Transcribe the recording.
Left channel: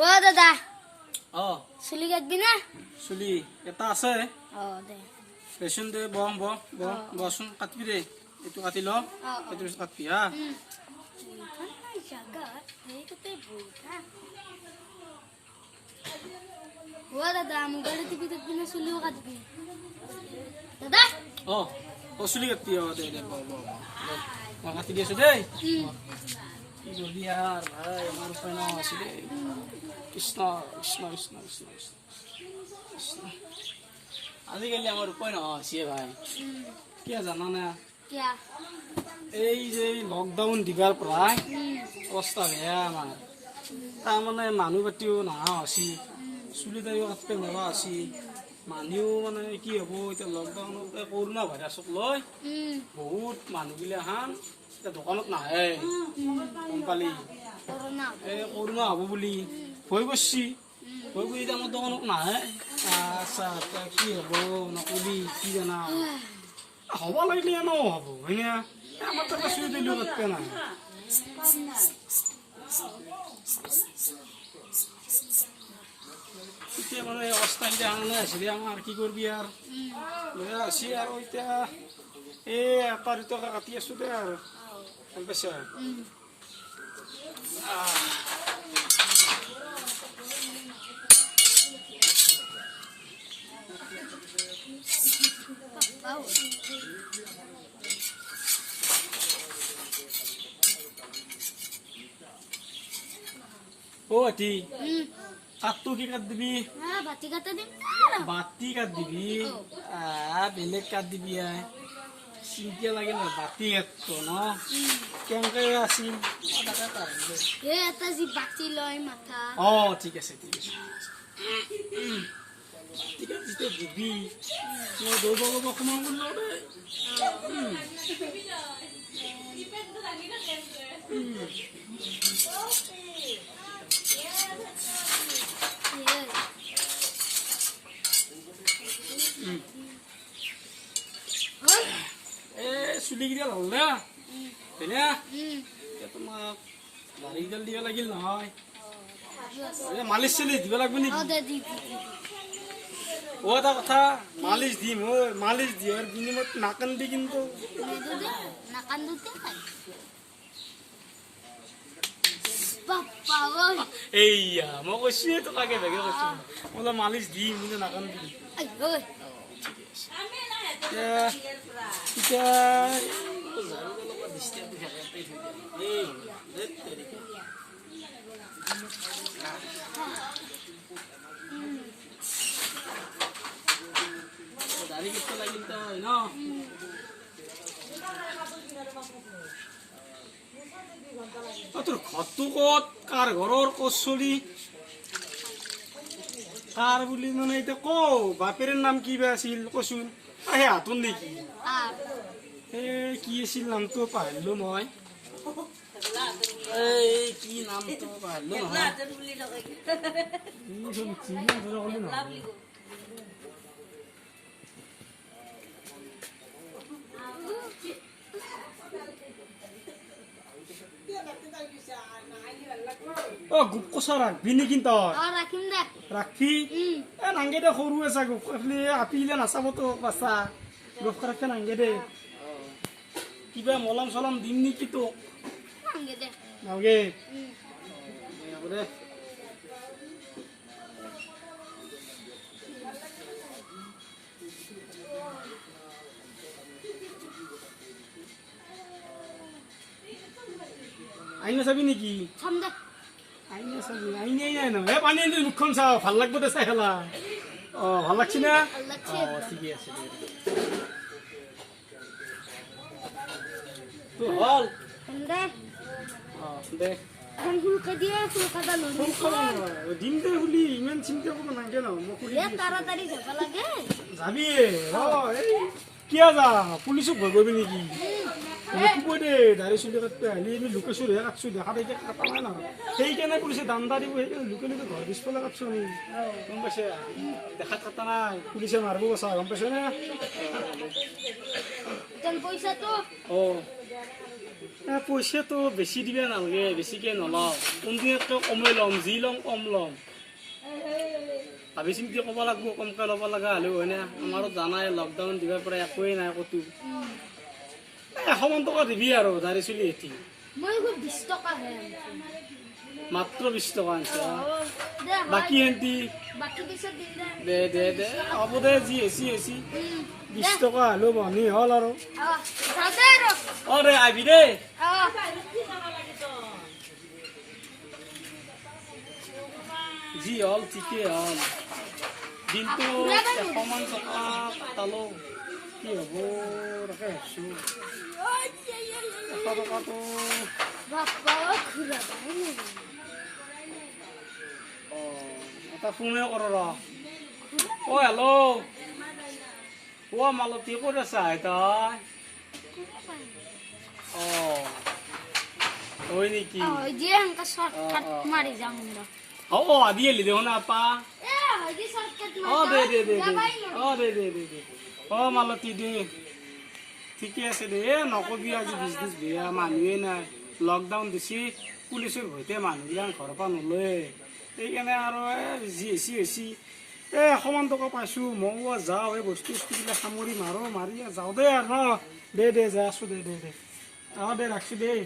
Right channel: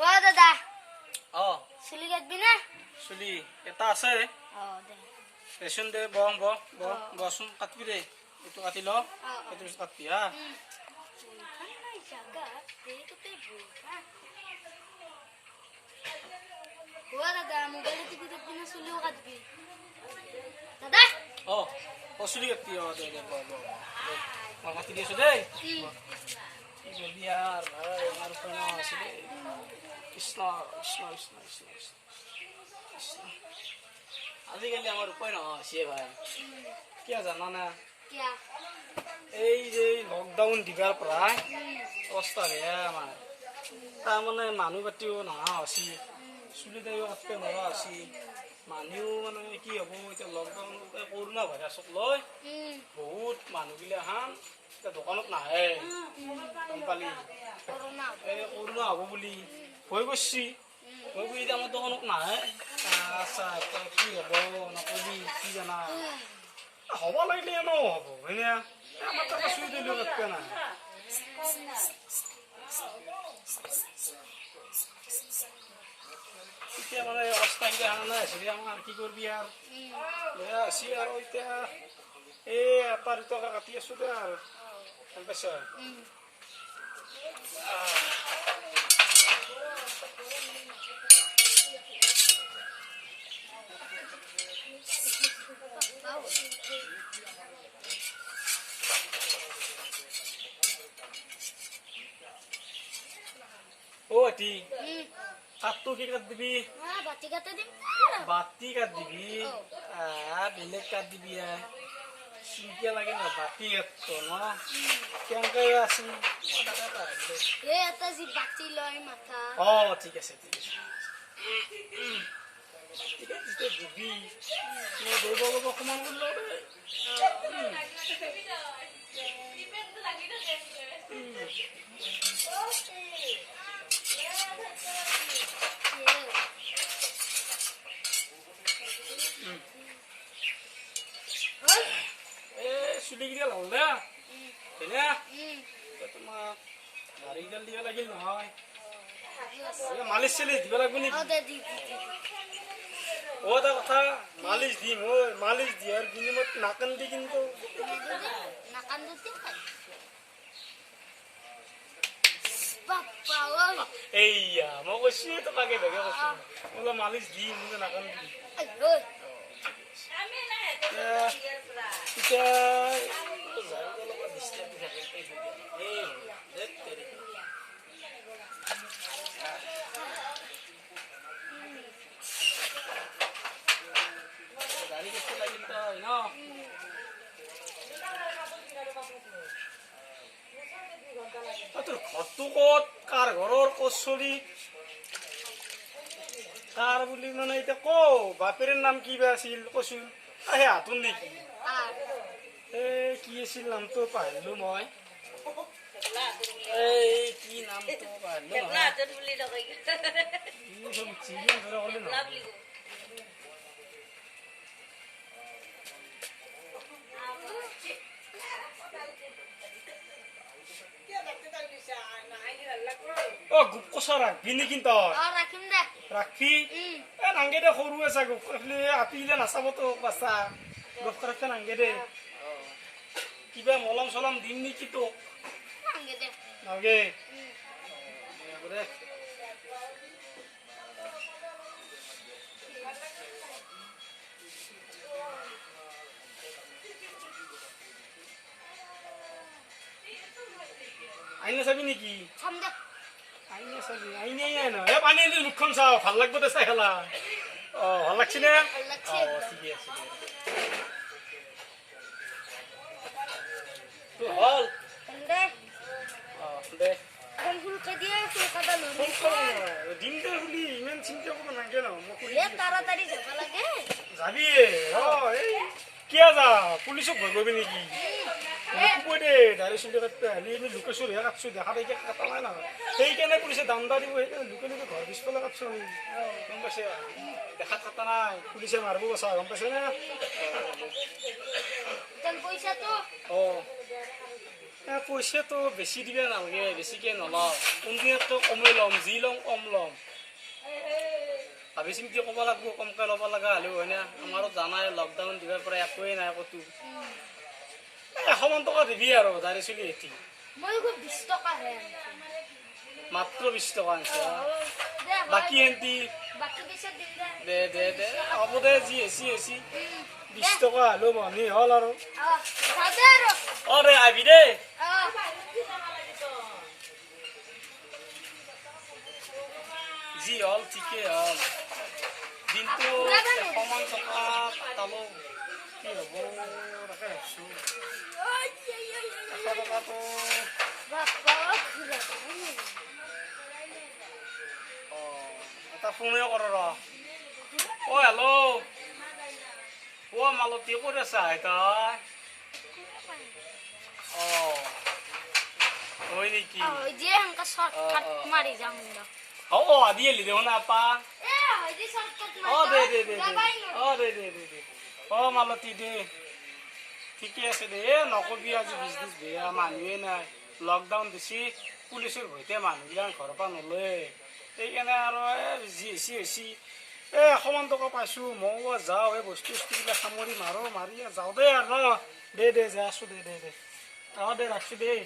ও দাদা চুলি কাটবি না? চুলি এটা আছে দে পেছন দে বচোন কাটবি দে এইটো কাটি ল এইটো কাটবি হা দাদা মোবাইল টিপি কাটবি না চুলিও কাটবি? দাদা চুলি কাটবি দে দে মই কাটি দি আছো দেই কি করবি আর ভাই আমার উপায় না আছে রে কৃষ্ণ কৃষ্ণ কৃষ্ণ কৃষ্ণ কৃষ্ণ আজিকালি আমার উপায় না আছে ভাই কি জানা না এই যে লকডাউন দিবার প্রায় অবস্থা বেয়া আমার তার মানে মানুহ পাতিও নহা আছি চুলি দাড়িও কাটতে নৰা আছি মানুহ মানে কি হব এতিয়া লকডাউনত কৰোণা ভাইৰাছক লৈ বহুত মানুহগিলাখান এতিয়া দোকানত নাহে গম পালি এই কৰোণা হ'ব বুলি ভয় কৰিছি ভয় কৰি এতিয়া আমাৰ দোকানত নাহে আচ্ছা তই কি হ'ব নকবি কি জানা হ'ব লাগিলে এনেও হ'ব হয়নে আমাৰ তাতে চুই দিলেও কাটবে নাই এতিয়া মানে অৱস্থাকেইটা আনা আছিলে আমাৰ কি কৰিবি আৰু বেয়া আছি আৰু এতিয়া এই এটা দুটকা কাটি আছো দে আৰু গম পাইছা আতি কাটটো কি কাট দিবি বাতি কাটে দিম বাতি কাট দিবি বেলেগ কাট দিবি চিন্তা লাগে না বাতি কাটতো ন কেনেকে আছিল এটা যি বাতি লয় মাথা ঠিক আছে ঠিক আছে ঠিক আছে তই দিবি মই দৌৰ লব অকমান কৰি লওঁ দেই চুলিকেইটা হ'ল না হয়নে তোমাৰ দাড়িডাল দিব লাগিল নহয় মালিচ চালিচ দিব লাগিব নেকি এটা কথা মালিচ দিম মালিচ দিয়াৰ বিনিময়ত নাকান্দি কিন্তু এইয়া মই কৈছো তোকাকে বেগে কৈছো বোলে মালিচ দিম কিন্তু নাকান্দি এতিয়া দাড়ি কেটে লাগিল তই ন তোৰ ঘৰটো ক'ত কাৰ ঘৰৰ ক'ত চলি কাৰ বুলি মানে এতিয়া ক বাপেৰৰ নাম কি বা আছিল কচোন সেই হাতত নেকি এই কি আছিল নামটো পাহৰিলো মই এই কি নামটো পাহৰিলো নহয় গুপ কচা ৰাখবি নেকি তই ৰাখবি নাংগে দে সৰু আছে গুপ আপিলে নাচাব তো বাচ্চা গুপ ৰাখতে নাংগে দে কিবা মলম চলম দিম নেকি তোক নাংগে দে আইনে চাবি নেকি আইনে চাবি আইনে ন পানী আনি মুখখন চাওঁ ভাল লাগব দে চাই খেলা ভাল লাগছি না ঠিকে আছে হল দে দিম দে বুলি ইমান চিন্তা কৰিব নালাগে ন যাবি কিয় যা পুলিচক ভয় কৰিবি নেকি নকবই দে দাড়ি চুলি কাটতে আহিলে আমি লোকে চুৰিহে কাটছো দেখা দেখি কাটা নাই নহয় সেইকাৰণে পুলিচে দান্দা দিব সেইকাৰণে লোকে লোকে ঘৰ পিছফালে কাটছো আমি গম পাইছে দেখাত কাটা নাই পুলিচে মাৰিব কৈছা গম পাইছে নে তেন পইচাটো পইচাটো বেছি দিবা নালাগে, বেছিকৈ নলওঁ। কোনদিনতকৈ কমেই ল'ম, যি ল'ম কম ল'ম। ভাবি চিন্তি ক'ব লাগিব, কমকৈ ল'ব লগা হ'লেও হয়নে? আমাৰো জানাই লকডাউন দিবাৰ পৰা একোৱেই নাই ক'তো। 100 মান টকা দিবি আৰু দাড়ি চুলি এটি। মই 20 টকাহে মাত্ৰ 20 টকা আনিছে। দে বাকী এন্টি বাকী পিছত দিম দে দে দে হ'ব দে, যি হেচি 20 টকা হ'লেও বনি হ'ল আৰু। যাওঁতে আৰু দে আহিবি দেই। যি হ'ল ঠিকেই হ'ল। দিনটো 100 মান টকা পালোঁ, কি হ'ব তাকে ভাবছোঁ। 100 টকাটো বাপ্পা ঘূৰা এটা ফোনে কৰ ৰ। হেল্ল', মালতী ক'ত আছা তই? হয় নেকি? যে সেনেকে শ্বৰ্টকাট মাৰি যাম আদি আহিলি দেখোন আপা। মালতী দে, ঠিকে আছে দে। নকবি আজি বিজনেছ বেয়া, মানুহে নাই, লকডাউন দিছি, পুলিচৰ ভয়তে মানুহবিলাক ঘৰৰ পৰা নলয়। সেইকাৰণে আৰু যি হেচি 100 মান টকা পাইছোঁ। ময়ো যাওঁ, এই বস্তুবিলাক সামৰি মাৰি যাওঁ দে আৰু। দে যা আছোঁ দে দে ৰাখছোঁ দেই।